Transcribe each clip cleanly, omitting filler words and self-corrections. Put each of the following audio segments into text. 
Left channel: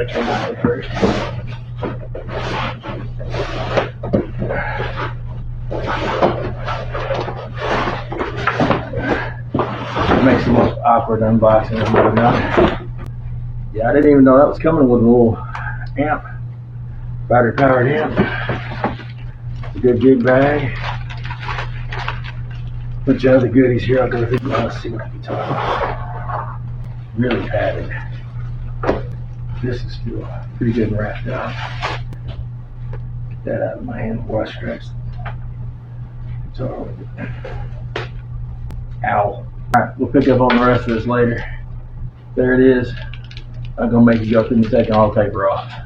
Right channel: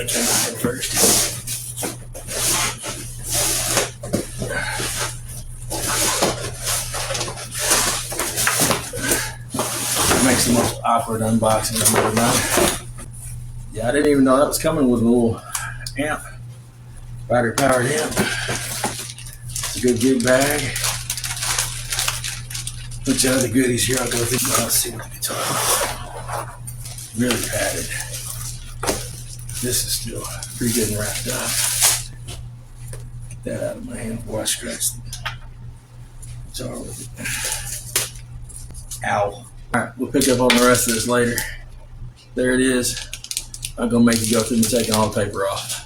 I came out here first. It makes the most awkward unboxing I've ever done. Yeah, I didn't even know that was coming with a little amp, battery powered amp. It's a good gig bag. Bunch of other goodies here. I'll go through. Let's see what the guitar. Really padded. This is still pretty good and wrapped up. Get that out of my hand before I scratch the guitar with it. Ow. Alright, we'll pick up on the rest of this later. There it is. I'm gonna make you go through and taking all the paper off.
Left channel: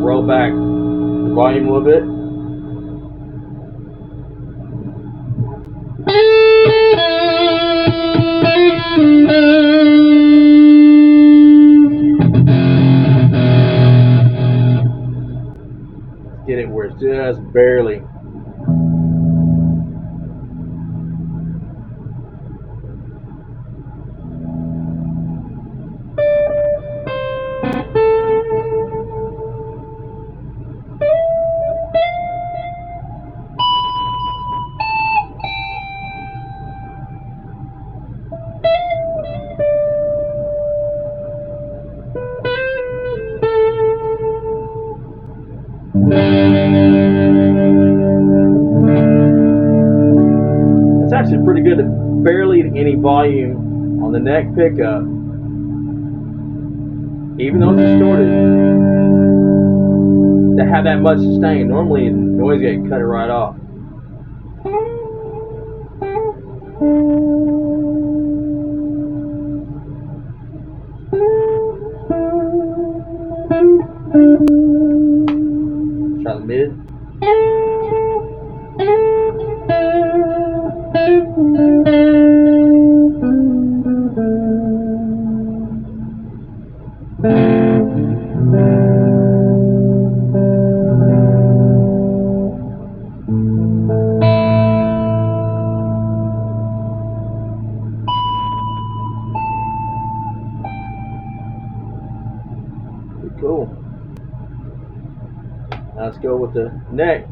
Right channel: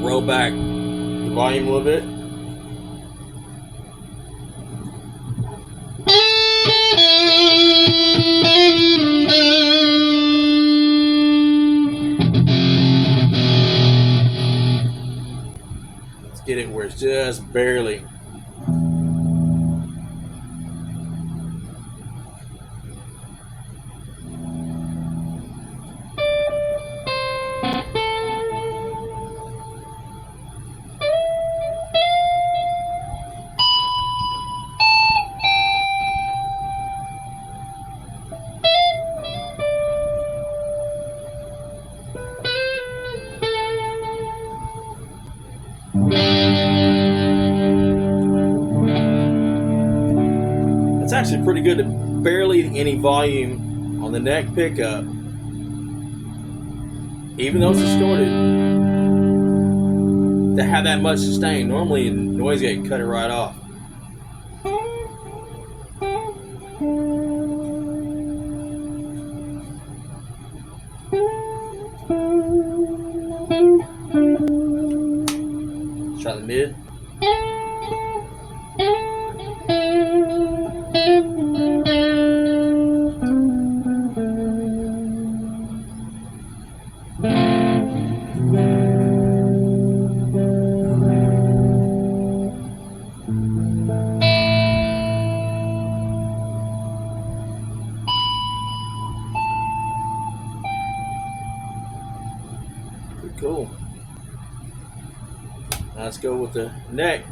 Roll back the volume a little bit. Let's get it where it's just barely. It's actually pretty good at barely any volume on the neck pickup, even though it's distorted, to have that much sustain. Normally noise gate cut it right off. Let's try the mid. Cool. Now let's go with the neck.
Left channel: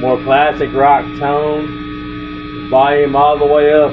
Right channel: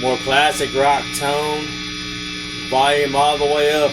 More classic rock tone, volume all the way up.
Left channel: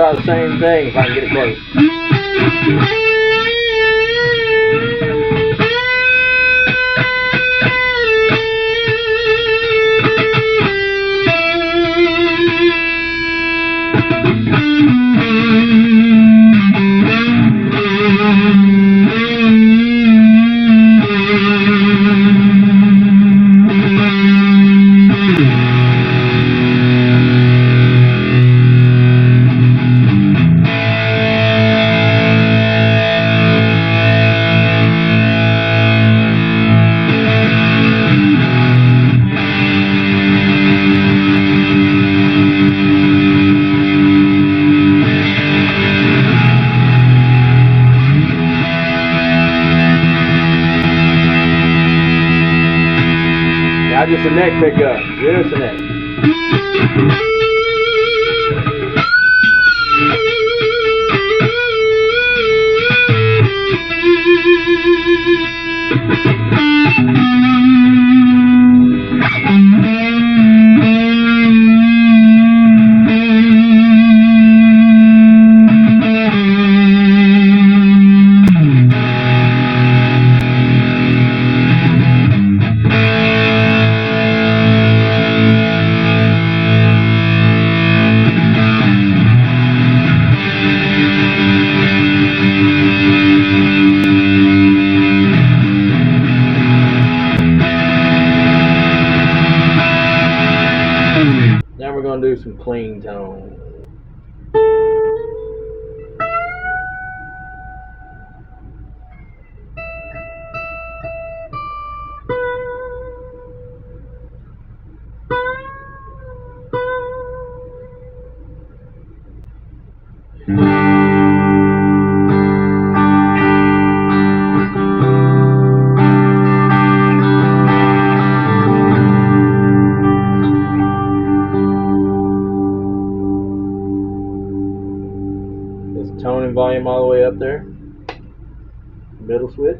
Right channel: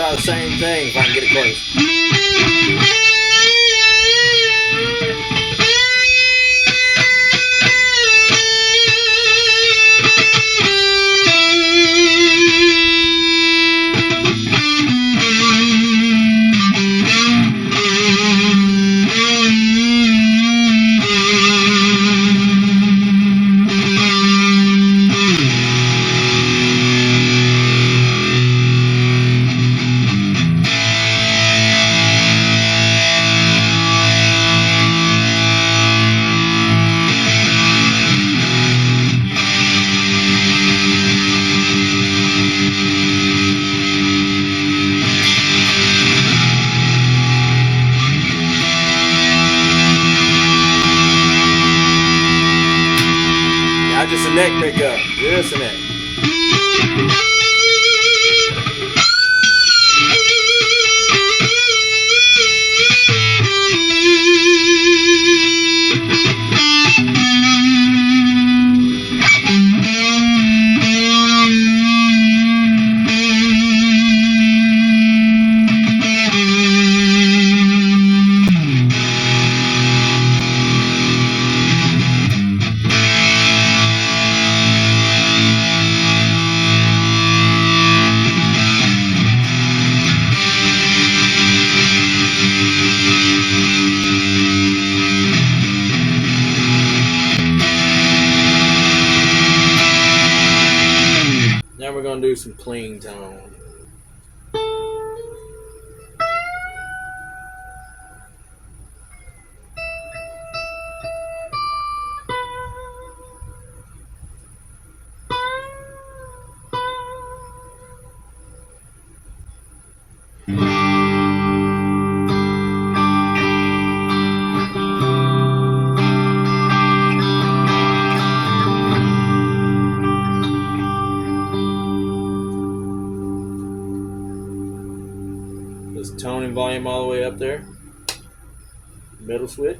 try the same thing if I can get it close. Now just a neck pickup, just a neck. Now we're going to do some clean tone. Just tone and volume all the way up there. Middle switch.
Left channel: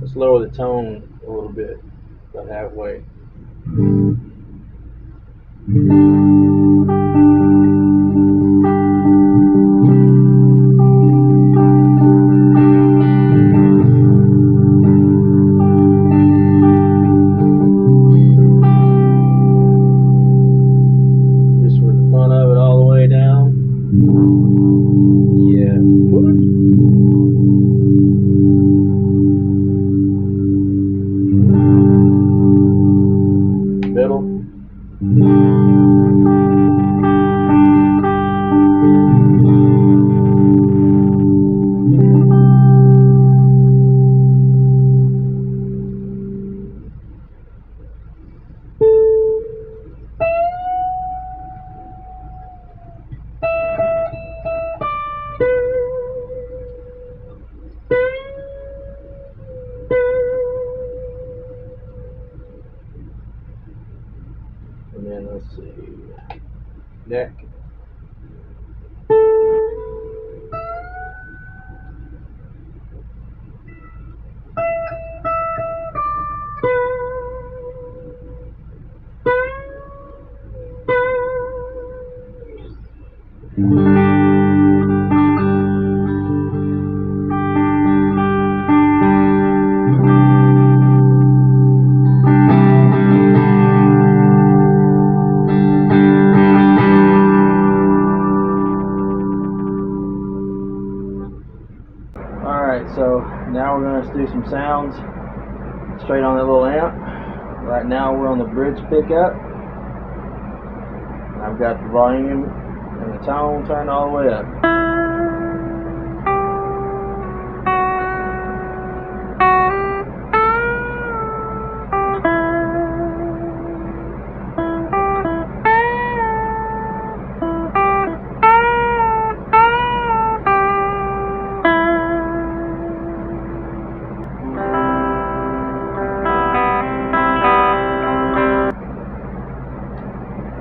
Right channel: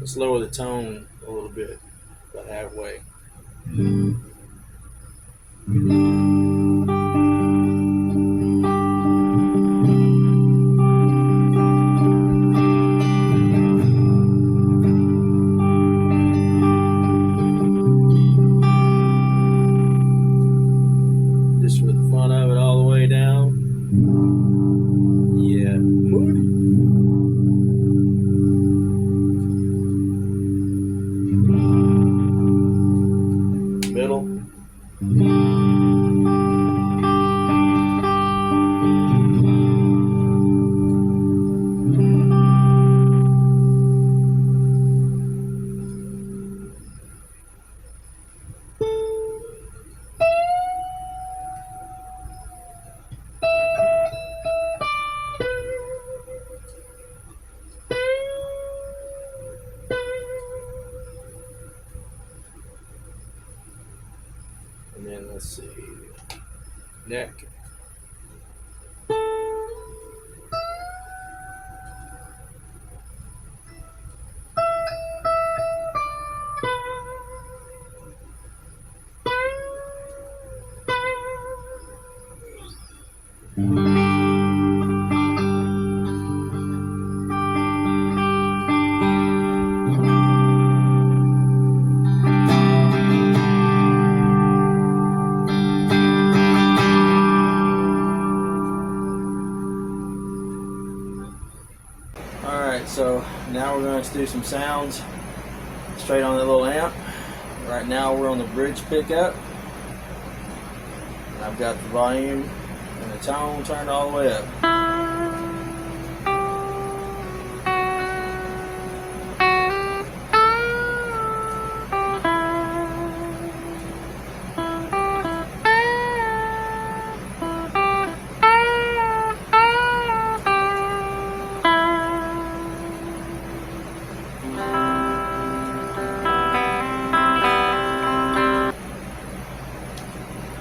Let's lower the tone a little bit, about halfway. Just for the fun of it, all the way down. Yeah, money. Middle. And then let's see, neck. So now we're going to do some sounds straight on that little amp. Right now we're on the bridge pickup. I've got the volume and the tone turned all the way up.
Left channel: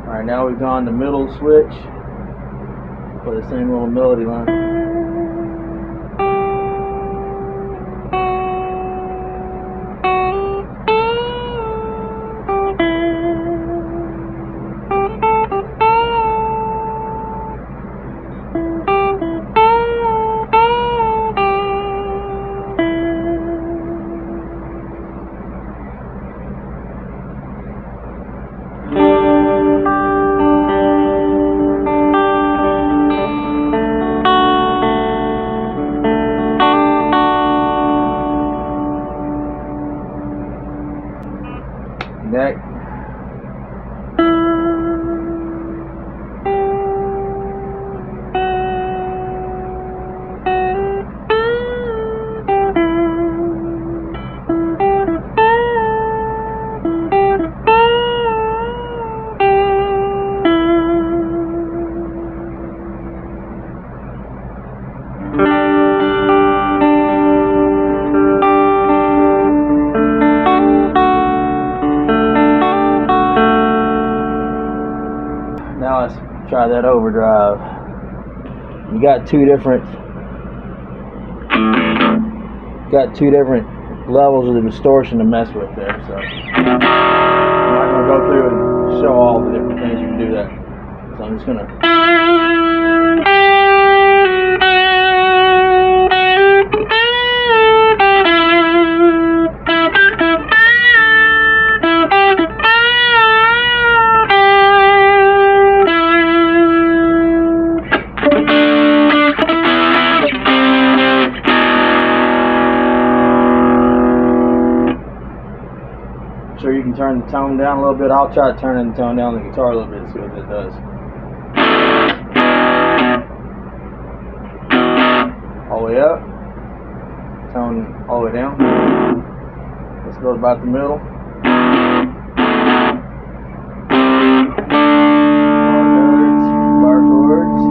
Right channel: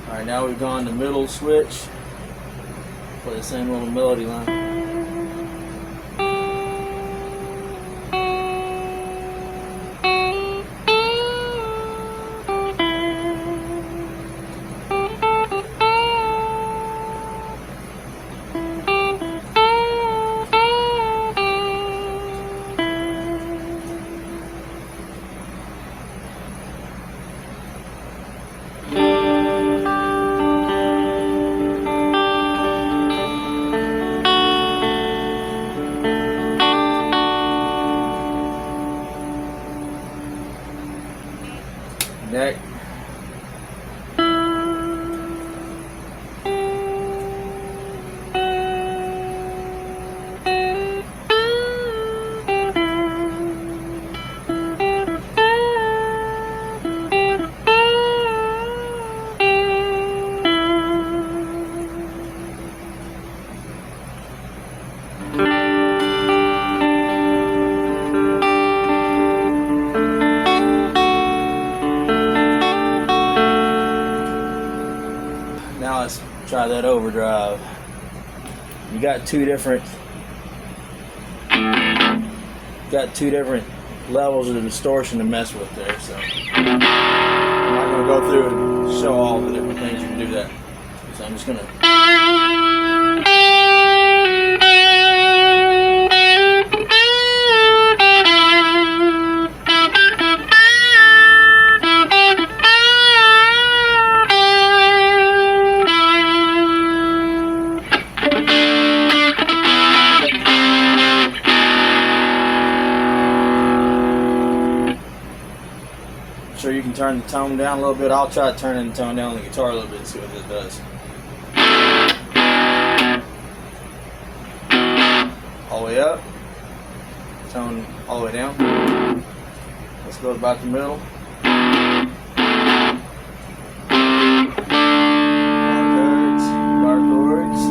Alright, now we've gone to middle switch for the same little melody line. Neck. Now let's try that overdrive. You got two different levels of the distortion to mess with there, so I'm not going to go through and show all the different things you can do that. So I'm just going to sure you can turn the tone down a little bit. I'll try turning the tone down on the guitar a little bit and see what that does. All the way up, tone all the way down. Let's go about the middle. Bar chords.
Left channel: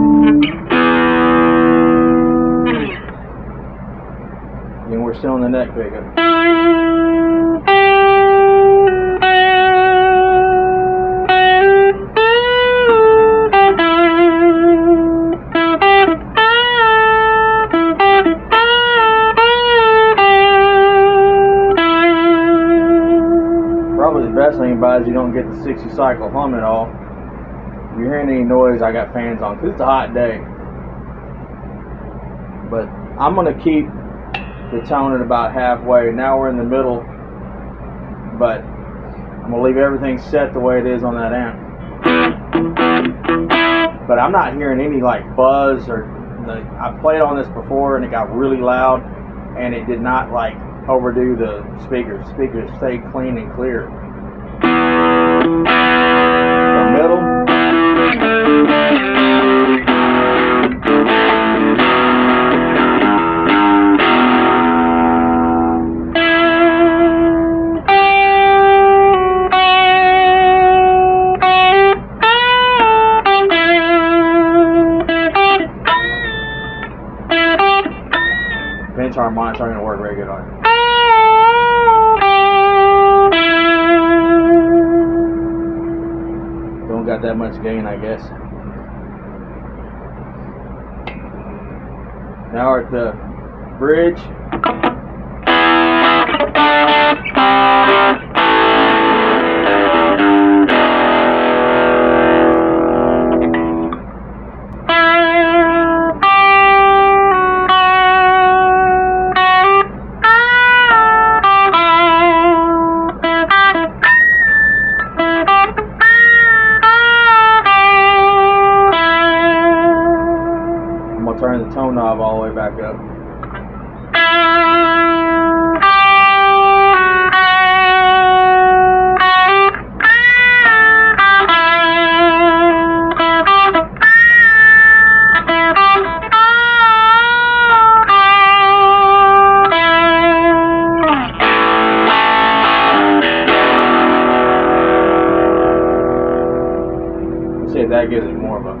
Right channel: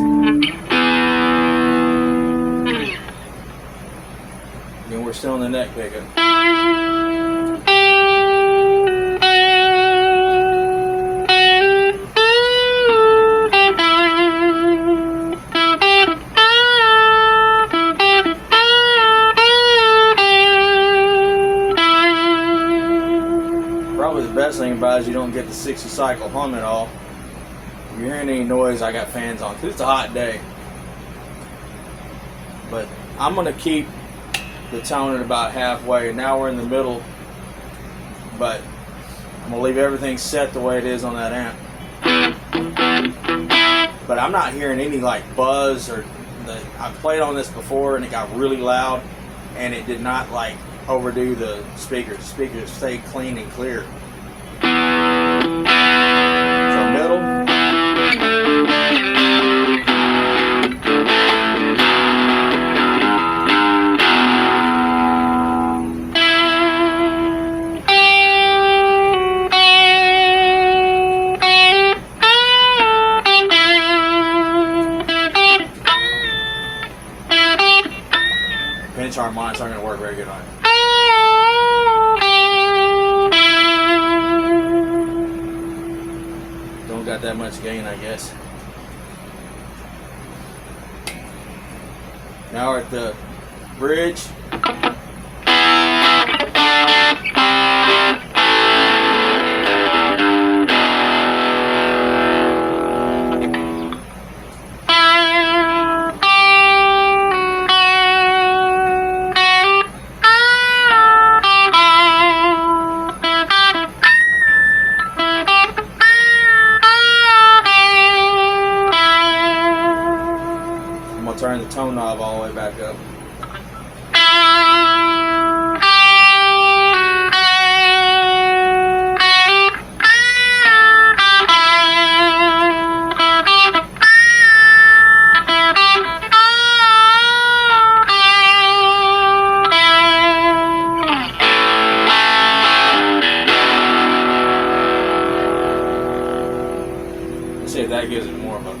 Then we're still on the neck pickup. Probably the best thing about it is you don't get the 60 cycle hum at all. If you're hearing any noise, I got fans on because it's a hot day. But I'm going to keep the tone at about halfway. Now we're in the middle, but I'm going to leave everything set the way it is on that amp. But I'm not hearing any like buzz or I played on this before and it got really loud and it did not like overdo the speakers. Speakers stayed clean and clear. So middle. Bench harmonics aren't going to work very good on it. Don't got that much gain, I guess. Now we're at the bridge. Turn the tone knob all the way back up. See if that gives it more of a.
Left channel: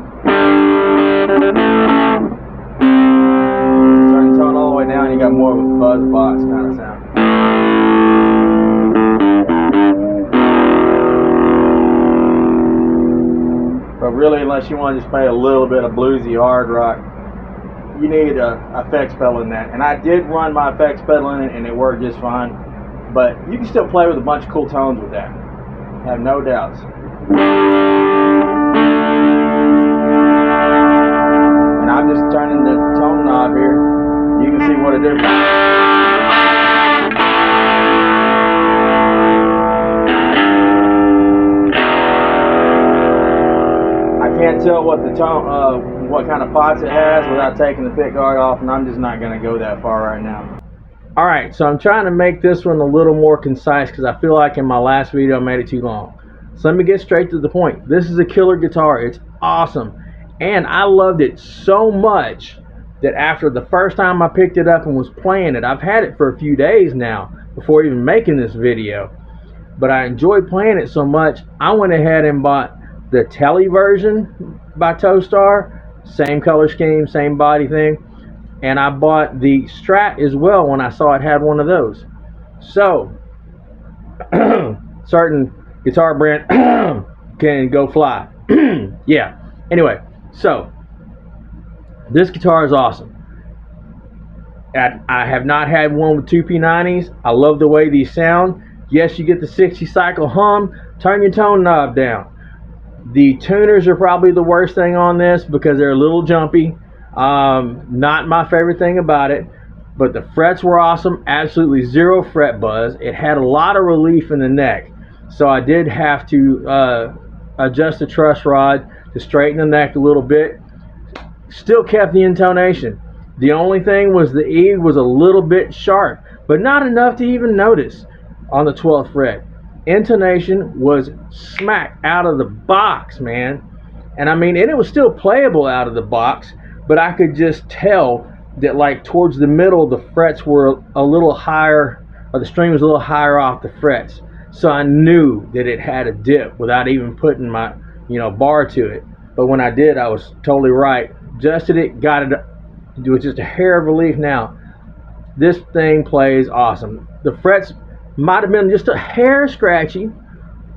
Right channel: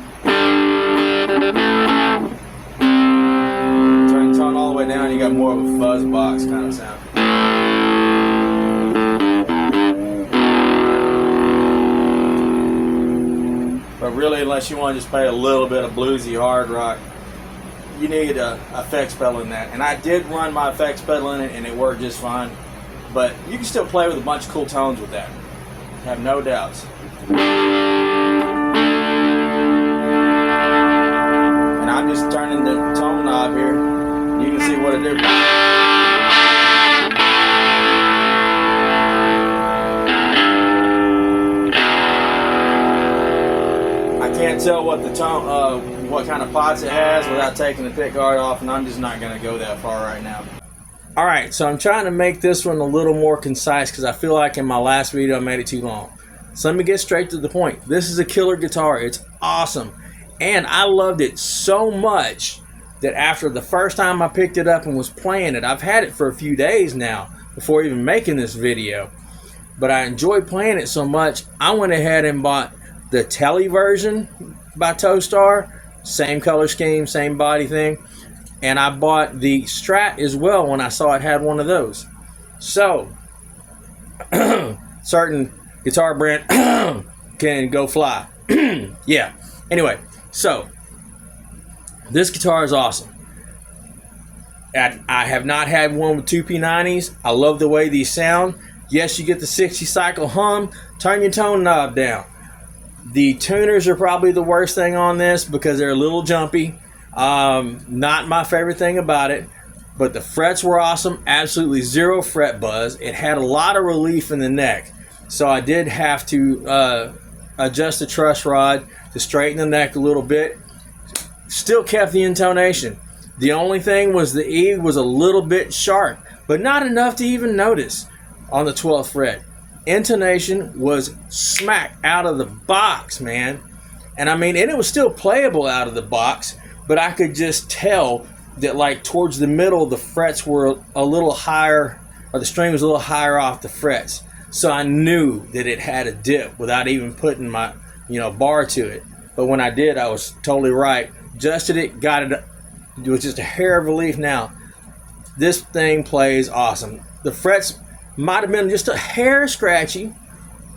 Turn the tone all the way down, you got more of a fuzz box kind of sound. But really, unless you want to just play a little bit of bluesy hard rock, you need a effects pedal in that. And I did run my effects pedal in it, and it worked just fine. But you can still play with a bunch of cool tones with that. Have no doubts. And I'm just turning the tone knob here. You can see what it did. I can't tell what the tone, what kind of pots it has without taking the pick guard off, and I'm just not going to go that far right now. All right, so I'm trying to make this one a little more concise because I feel like in my last video I made it too long. So let me get straight to the point. This is a killer guitar. It's awesome. And I loved it so much that after the first time I picked it up and was playing it, I've had it for a few days now before even making this video. But I enjoyed playing it so much, I went ahead and bought the Tele version by Tostar. Same color scheme, same body thing. And I bought the Strat as well when I saw it had one of those. So, certain guitar brand can go fly. Yeah. Anyway, so this guitar is awesome. I have not had one with two P90s. I love the way these sound. Yes, you get the 60 cycle hum. Turn your tone knob down. The tuners are probably the worst thing on this because they're a little jumpy. Not my favorite thing about it, but the frets were awesome. Absolutely zero fret buzz. It had a lot of relief in the neck, so I did have to adjust the truss rod to straighten the neck a little bit. Still kept the intonation. The only thing was the E was a little bit sharp, but not enough to even notice on the 12th fret. Intonation was smack out of the box, man. And I mean, and it was still playable out of the box, but I could just tell that like towards the middle, the frets were a little higher, or the string was a little higher off the frets. So I knew that it had a dip without even putting my, bar to it. But when I did, I was totally right. Adjusted it, got it. It was just a hair of relief. Now, this thing plays awesome. The frets might have been just a hair scratchy,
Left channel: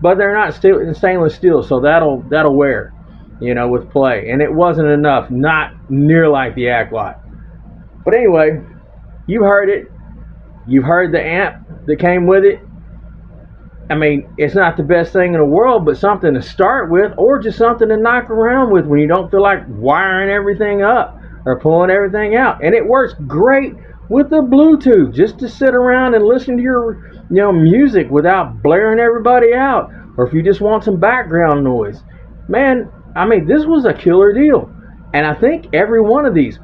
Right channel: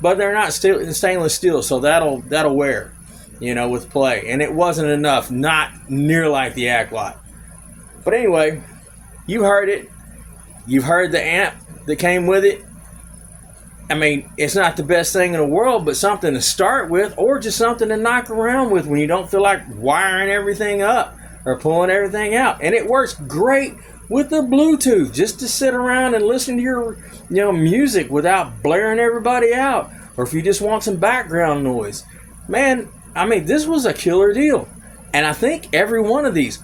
but they're not stainless steel, so that'll wear, with play. And it wasn't enough, not near like the Aqualot. But anyway, you heard it. You've heard the amp that came with it. I mean, it's not the best thing in the world, but something to start with, or just something to knock around with when you don't feel like wiring everything up or pulling everything out. And it works great with the Bluetooth, just to sit around and listen to your music without blaring everybody out, or if you just want some background noise. Man, I mean, this was a killer deal. And I think every one of these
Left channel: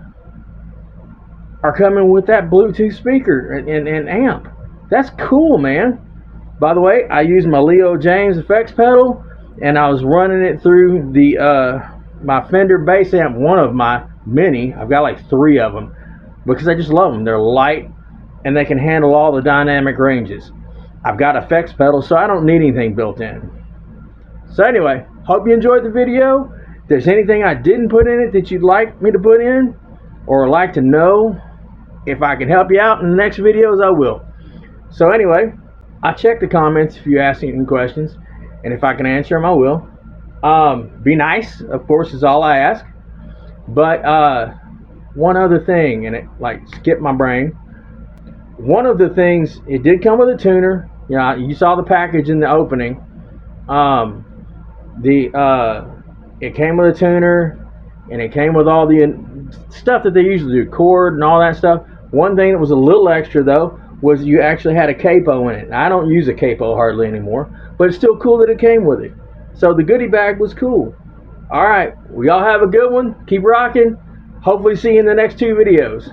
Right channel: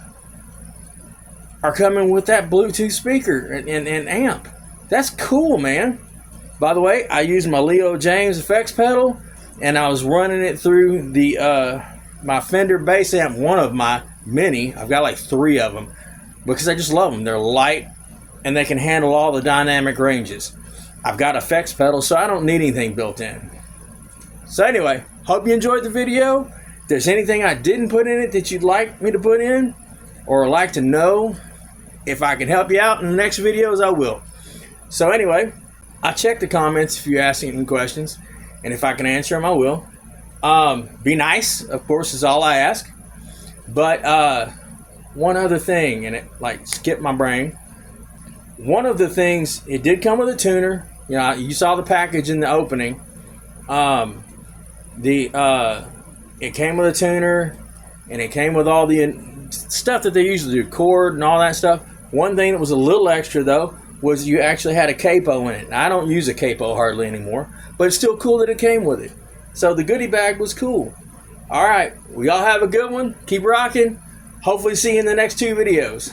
are coming with that Bluetooth speaker and amp. That's cool, man. By the way, I used my Leo James effects pedal, and I was running it through the my Fender bass amp, one of my many. I've got like 3 of them because I just love them. They're light and they can handle all the dynamic ranges. I've got effects pedal, so I don't need anything built in. So anyway, hope you enjoyed the video. If there's anything I didn't put in it that you'd like me to put in, or like to know if I can help you out in the next videos, I will. So anyway, I'll check the comments if you ask any questions, and if I can answer them, I will. Be nice, of course, is all I ask. But one other thing, and it like skipped my brain. One of the things, it did come with a tuner. You saw the package in the opening. It came with a tuner, and it came with all the stuff that they usually do, cord and all that stuff. One thing that was a little extra though was you actually had a capo in it. Now, I don't use a capo hardly anymore, but it's still cool that it came with it. So the goodie bag was cool. All right, well, y'all have a good one. Keep rocking. Hopefully see you in the next 2 videos.